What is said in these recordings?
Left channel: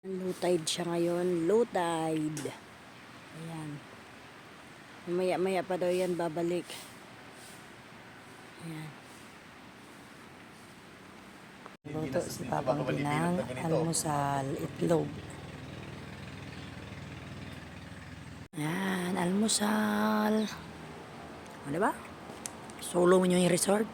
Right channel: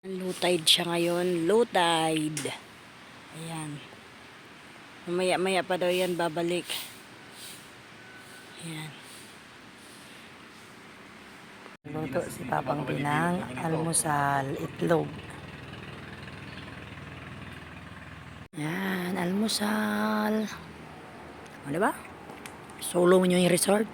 Low tide siya ngayon. Low tide. Ayan. Maya pa daw yan babalik. Ayan. Luto si Papang Pinang. Almusal. Itlog. Ayan. Almusal. O, diba? Solo mo nyo yung resort.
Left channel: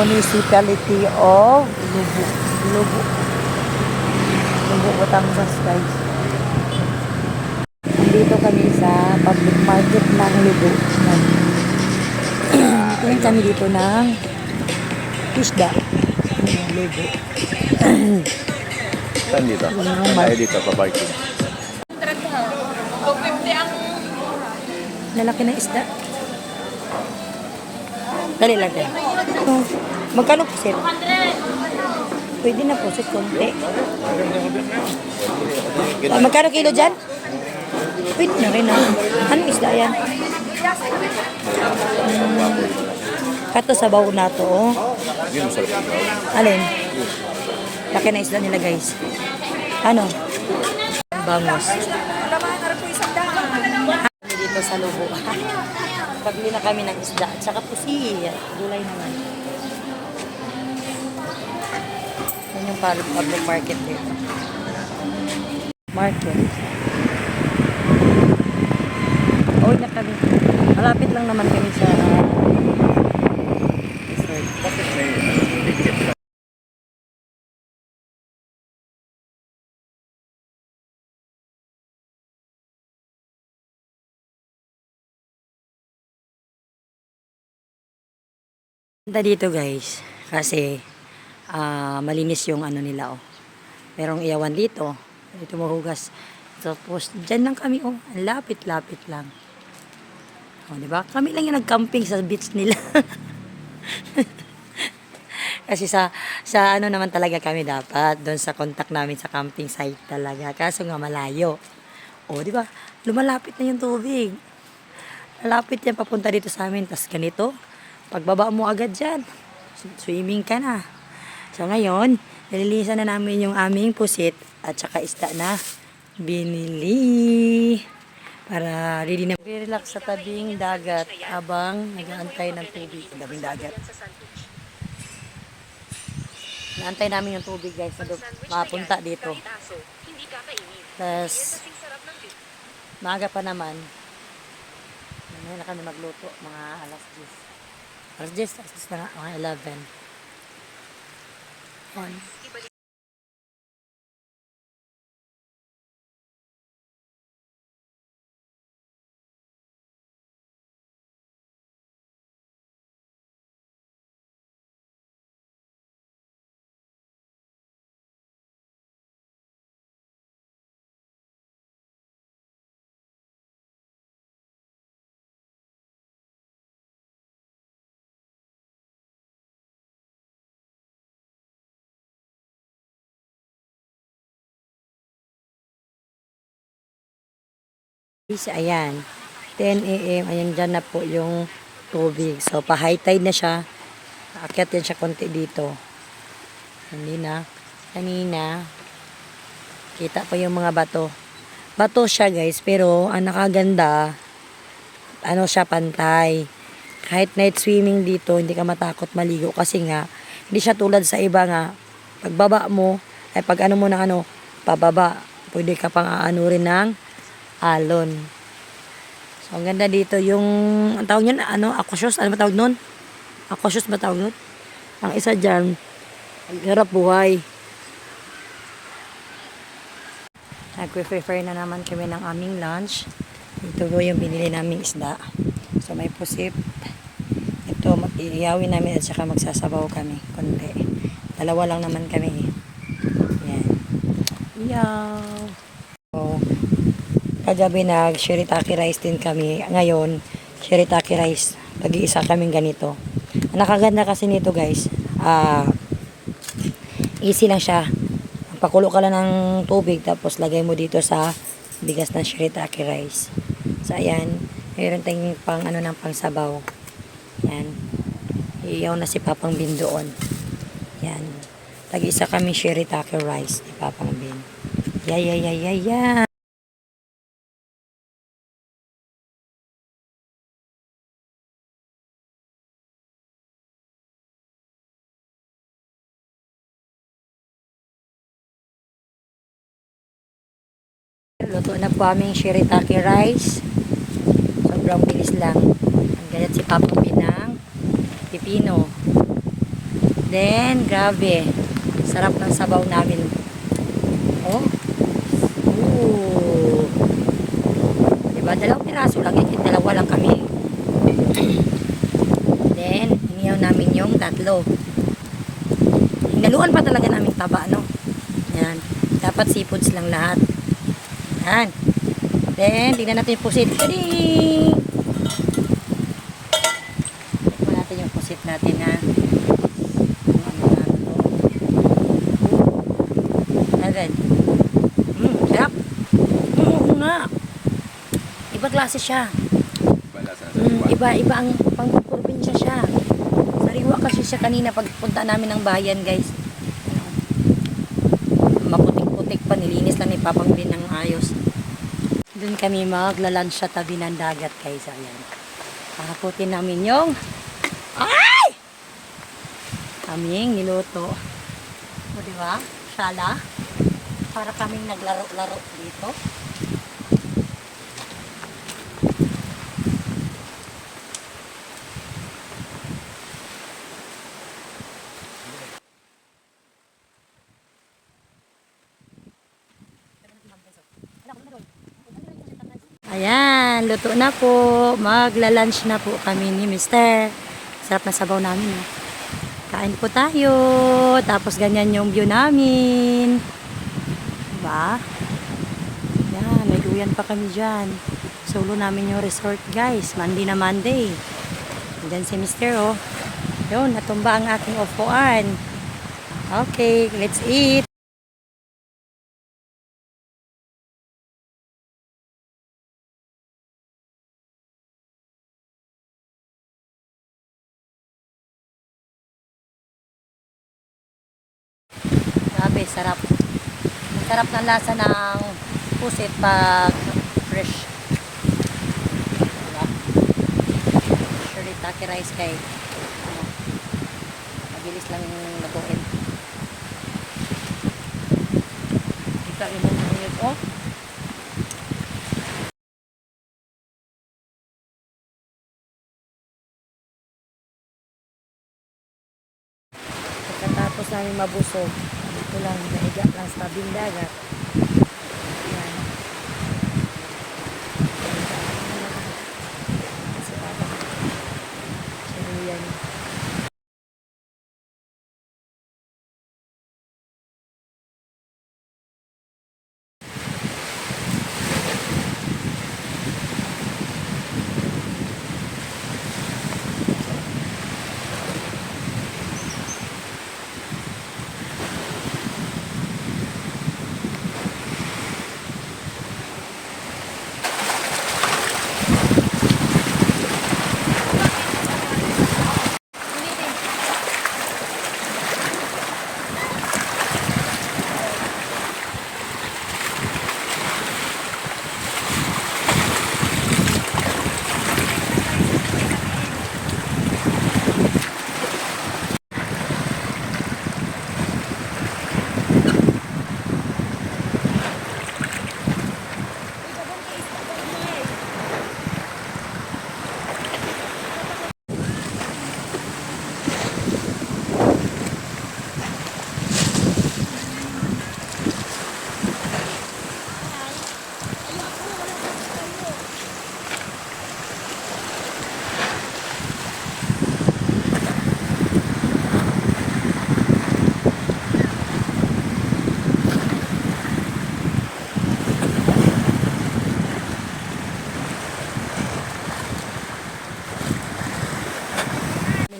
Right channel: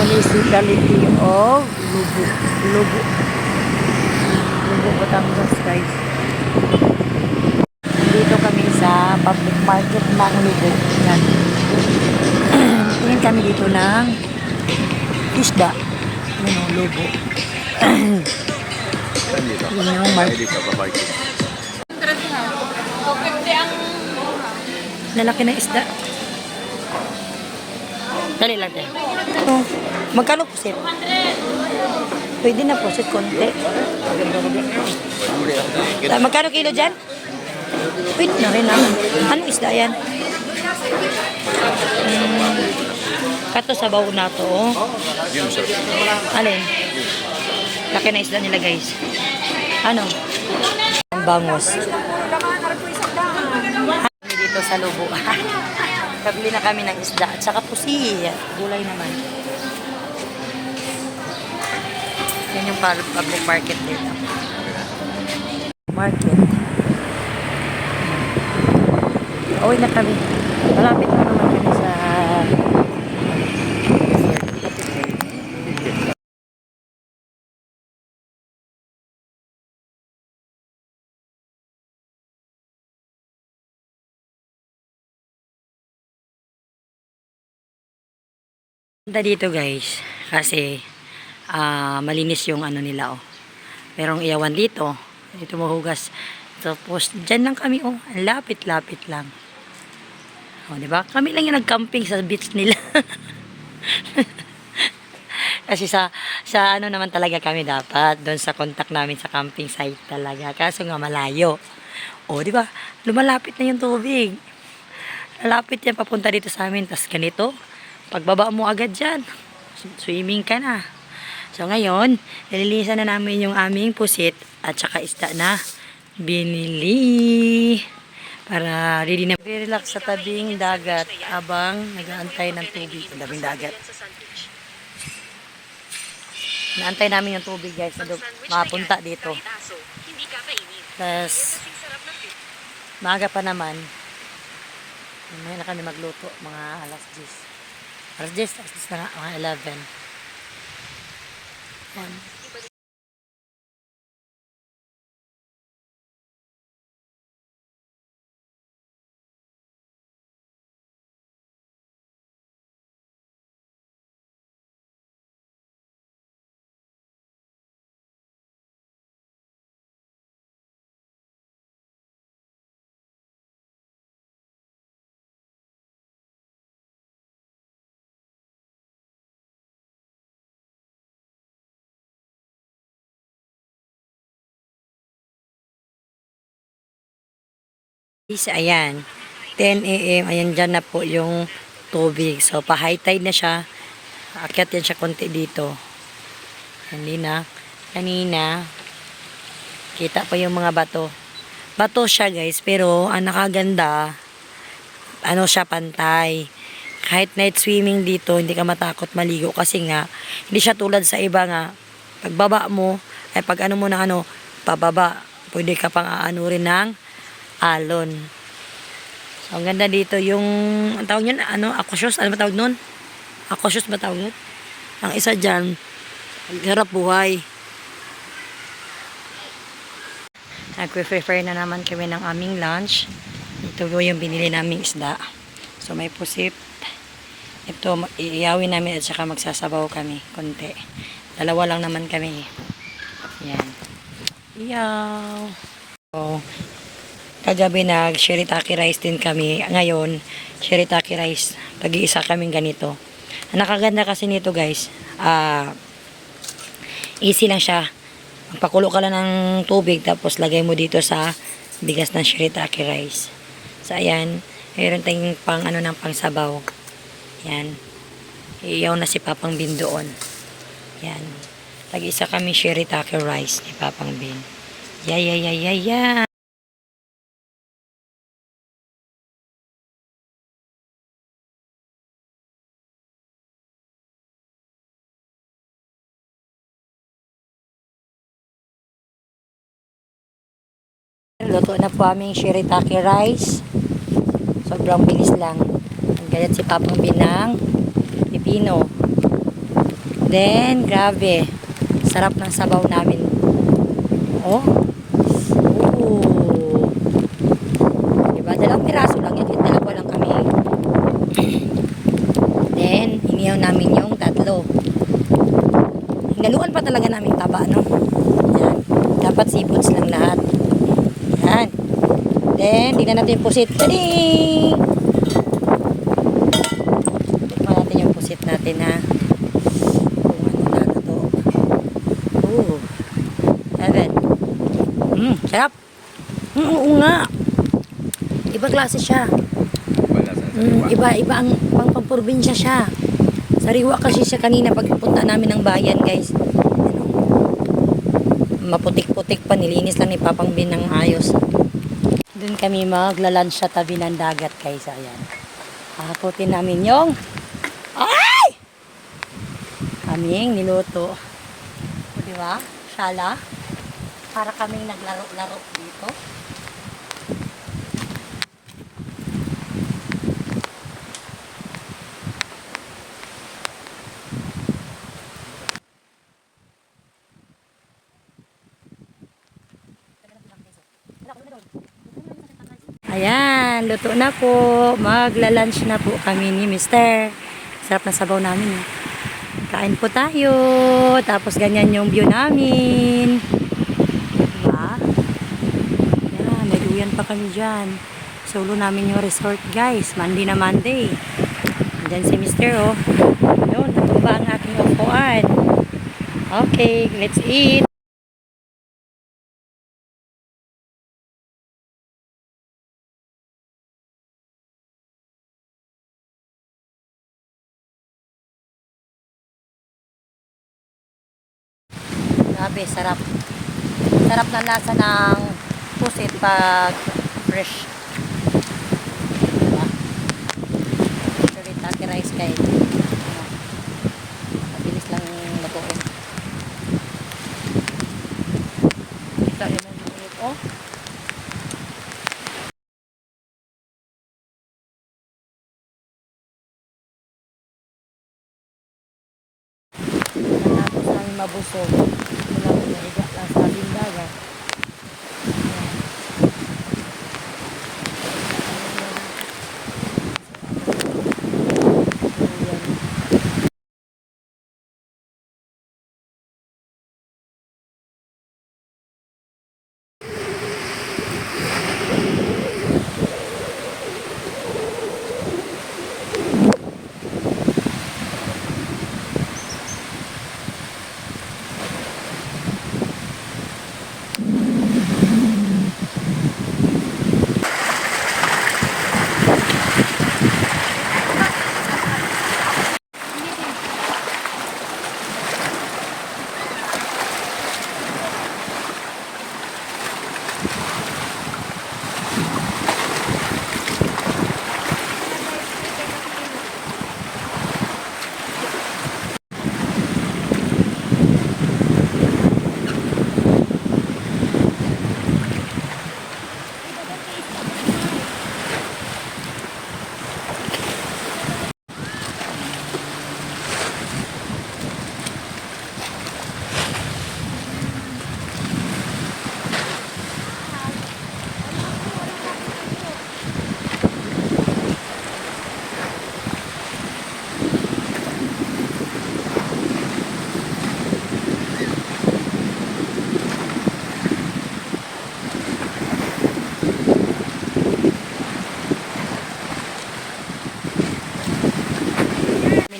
Municipality of Lubo, Batangas, guys. Nandito kami sa public market ng Lubo. Yan. Tingin kami dito ng isda. Yung Lubo. Dito. Yun yung market. Dito pa parking. Lalaki na isda. Dali lang tayo. Oh, magkano pusit? Pwede na pusit, konti. Magkano kilo dyan? Pwede na rin lang. Anong isda yan? Kato sabaw na to. Oh. Alin? Laki na isda nila, guys. Ano? Ang bangos. Dito sa Lubo. Kabili na kami ng isda. At saka pusi. Gulay naman. Yan yung public market dito. Market. Uwi na kami. Malapit lang naman kami sa resort. Punta dito, guys, kasi malinis yung ano nila, oh. Merong iyawan dito mahugas. Tapos dyan lang kami, oh, lapit-lapit lang, oh, diba? Kami lang yung nag-camping sa beach nila. Kasi sa ano naman talaga kami dapat doon sa contact namin sa camping site talaga, kaso nga malayo, oh, diba? Lumalapit na yung tubig, lalapit yan papunta dito sa amin. Tas ganito, pagbaba mo agad dyan, swimming ka na. So ngayon, nililisan na namin yung aming pusit at saka isda na binili. Para ready na. Relax sa tabing dagat abang nag-aantay ng tubig. Tabing dagat. Naantay namin yung tubig, guys, na mapunta dito. Tapos, maaga pa naman. Ngayon na kami magluto, mga alas 10. Alas 10, na nga, mga 11. Yan. Ayan, 10 a.m. Ayan, dyan na po yung tubig. So, pa-high tide na siya. Akyat yan siya konti dito. Kanina, kita pa yung mga bato. Bato siya, guys, pero ang nakaganda, ano siya, pantay. Kahit night swimming dito, hindi ka matakot maligo kasi nga, hindi siya tulad sa iba nga. Pagbaba mo, ay pag ano mo na ano, pababa, pwede ka pang aano rin ng alon. So, ang ganda dito yung, ang tawag yun, ano, aquasius, ano ba tawag nun? Aquasius ba tawag yun? Ang isa dyan, harap buhay. Nag-prefer na naman kami ng aming lunch. Ito po yung binili naming isda. So, may pusit. Ito, iiyawin namin at saka magsasabaw kami, konti. Dalawa lang naman kami. Yan. Iyaw. So, kagabi nag-shirataki rice din kami. Ngayon, shirataki rice. Pag-iisa kaming ganito. Ang nakaganda kasi nito, guys, easy lang siya. Pakulo ka lang ng tubig tapos lagay mo dito sa bigas ng shirataki rice. So ayan, mayroon tayong pang ano ng pangsabaw. Yan. Iyaw na si Papang Bin doon. Yan. Tag-isa kami shirataki rice ni Papang Bin. Yeah. Luto na po aming shirataki rice. Sobrang bilis lang. Gayat si Papang Bin ng pipino. Then, grabe. Sarap ng sabaw namin. Oh. Ooh. Diba? 2 piraso lang. Dalawa lang kami. Then, iniyaw namin yung 3. Naluan pa talaga namin taba, no? Yan. Dapat seafoods lang lahat. Yan. Then, tignan natin yung pusit. Kading! Tignan natin yung pusit natin, ha? Sarap. Oo nga. Iba klase siya. Iba ang pang-probinsya siya. Sariwa kasi siya kanina pagpunta namin ng bayan, guys. Maputik-putik pa, nilinis lang ni Papang Bin ng ayos. Doon kami magla-lunch sa tabi ng dagat, guys. Ayan. Hakutin namin yung kaming niluto. O, diba? Sala. Para kaming naglaro-laro dito. Ayan, luto na po. Magla-lunch na po kami ni Mister. Sarap na sabaw namin. Eh. Kain po tayo. Tapos ganyan yung view namin. Diba? Yan, may duyan pa kami dyan. Solo namin yung resort, guys. Monday na Monday. Diyan si Mister, oh. Yun, natumba ang aking upuan. Okay, let's eat. Grabe, sarap. Sarap na lasa ng pusit pag fresh. Diba? Shirataki rice kay ano, mabilis lang lutuin. Ito yung mga oh. Natapos namin mabusog. Mulang nahiga lang sa bindagat. Ayan. Ayan.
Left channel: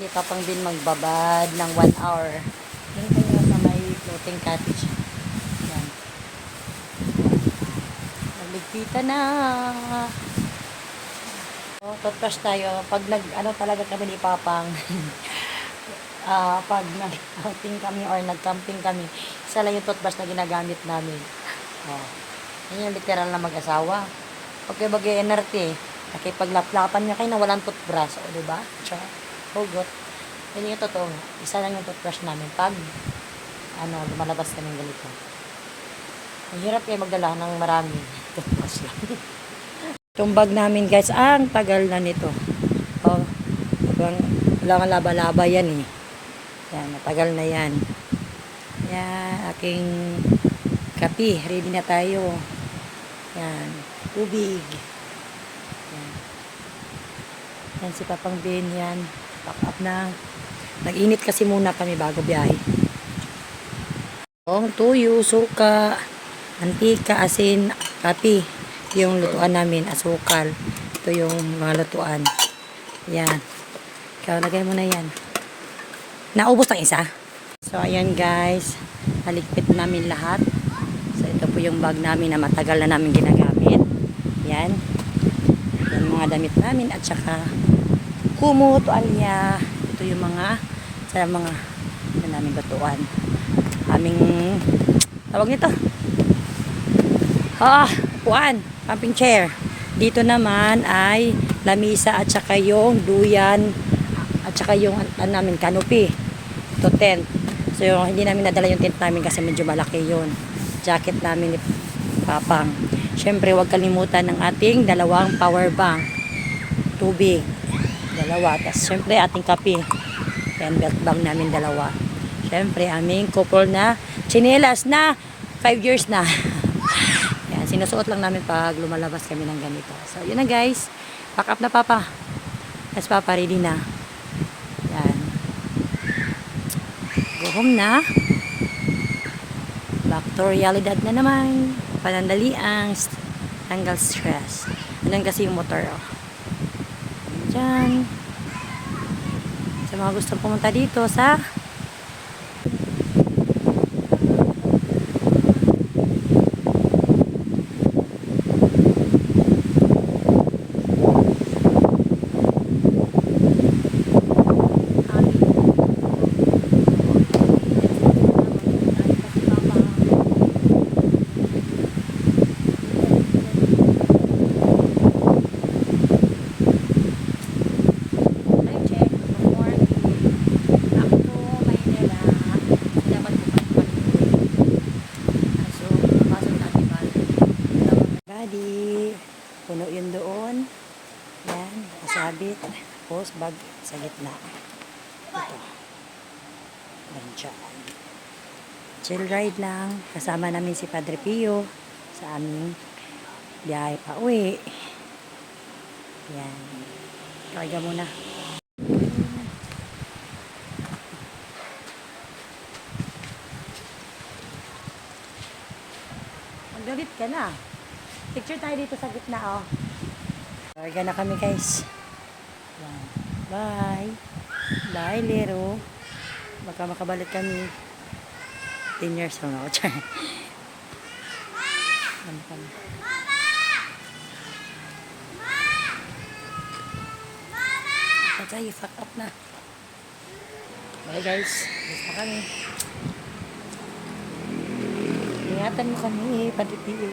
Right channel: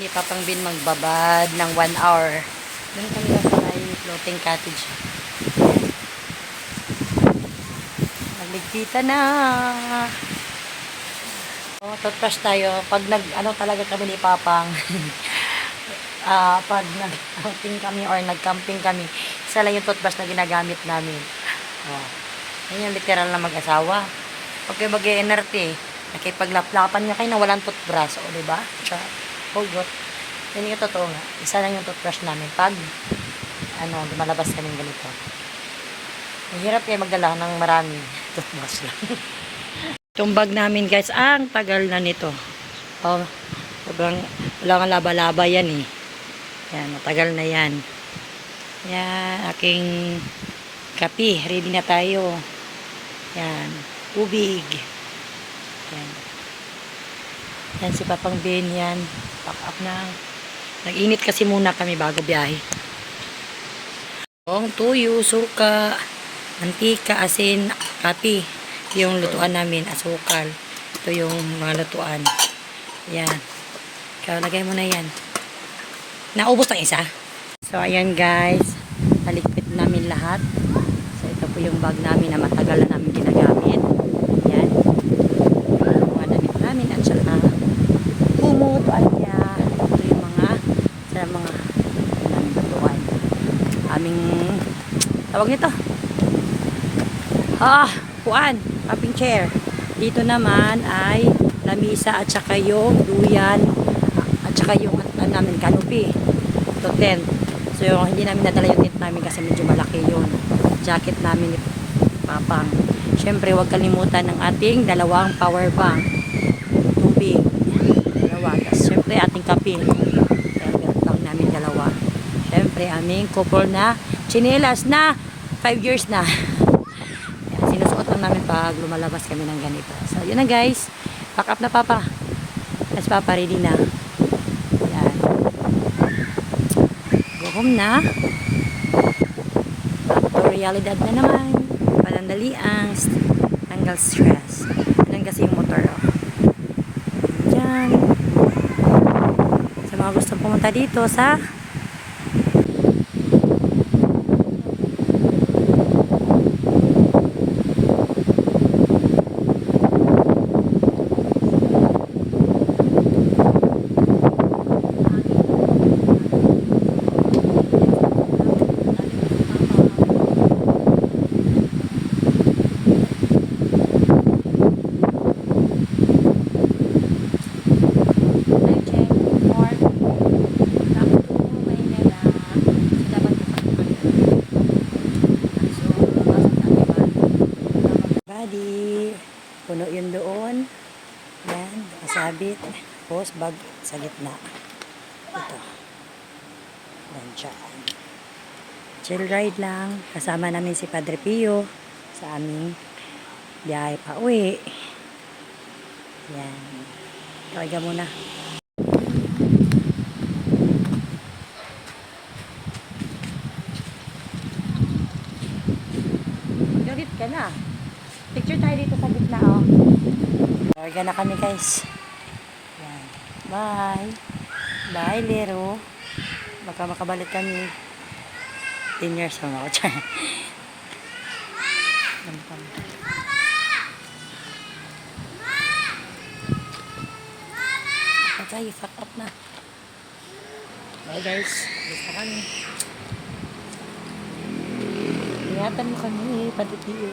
Ni Papang Bin magbabad ng 1 hour. Doon kami sa may floating cottage. Magligpitan na. Oh, toothbrush tayo. Pag ano talaga kami ni Papang, pag nag-outing kami or nag-camping kami, isa lang yung toothbrush na ginagamit namin. Oh, yun yung literal na mag-asawa. Pag kayo mag-NRT, nakipaglaplapan niya kayo na walang toothbrush. O, diba? Tsaka, hugot. Yun yung totoo nga. Isa lang yung toothbrush namin. Pag, lumalabas kami ganito. Mahirap kayo magdala ng marami toothbrush lang. Itong bag namin guys, ang tagal na nito. Oh, wala nga laba-laba yan eh. Yan, matagal na yan. Yan, aking kape. Ready na tayo. Yan, tubig. Yan. Yan si Papang Ben yan. Pack up na. Nag-init kasi muna kami bago biyahe. Tuyo, suka, mantika, asin, kape. Yung lutuan namin, asukal. Ito yung mga lutuan. Yan. Ikaw, lagay mo na yan. Naubos ang isa. So, ayan guys. Naligpit namin lahat. So, ito po yung bag namin na matagal na namin ginagamit. Yan. Yung mga damit namin at saka kumutuan niya. Ito yung mga namin lutuan. Aming tawag nito. Puan. Camping chair. Dito naman ay lamisa at saka yung duyan at saka yung namin canopy. Ito tent. So hindi namin nadala yung tent namin kasi medyo malaki yun. Jacket namin ni Papang. Syempre huwag kalimutan ng ating dalawang power bank. Tubig. Dalawa. Tapos syempre ating kape. Yan belt bag namin dalawa. Syempre aming couple na chinelas na 5 years na. Sinusuot lang namin pag lumalabas kami ng ganito. So, yun na guys. Pack up na Papa. Yes, Papa, ready na. Yan. Go home na. Back to realidad na naman. Panandali ang tanggal stress. Yan kasi yung motor. Oh. Diyan. Sa mga gustong pumunta dito sa body. Puno yun doon. Yan. Nakasabit. Tapos bag sa gitna. Ito. Yan dyan. Chill ride lang. Kasama namin si Padre Pio sa aming biyahe pa uwi. Yan. Kaya muna. Gawit ka na. Picture tayo dito sa gitna, oh. Larga na kami, guys. Yan. Bye. Bye, Lero. Baka makabalik kami. 10 years from now. Patay, fuck up na. Bye, guys. Basta kami. Ingatan mo kami, Padre Pio.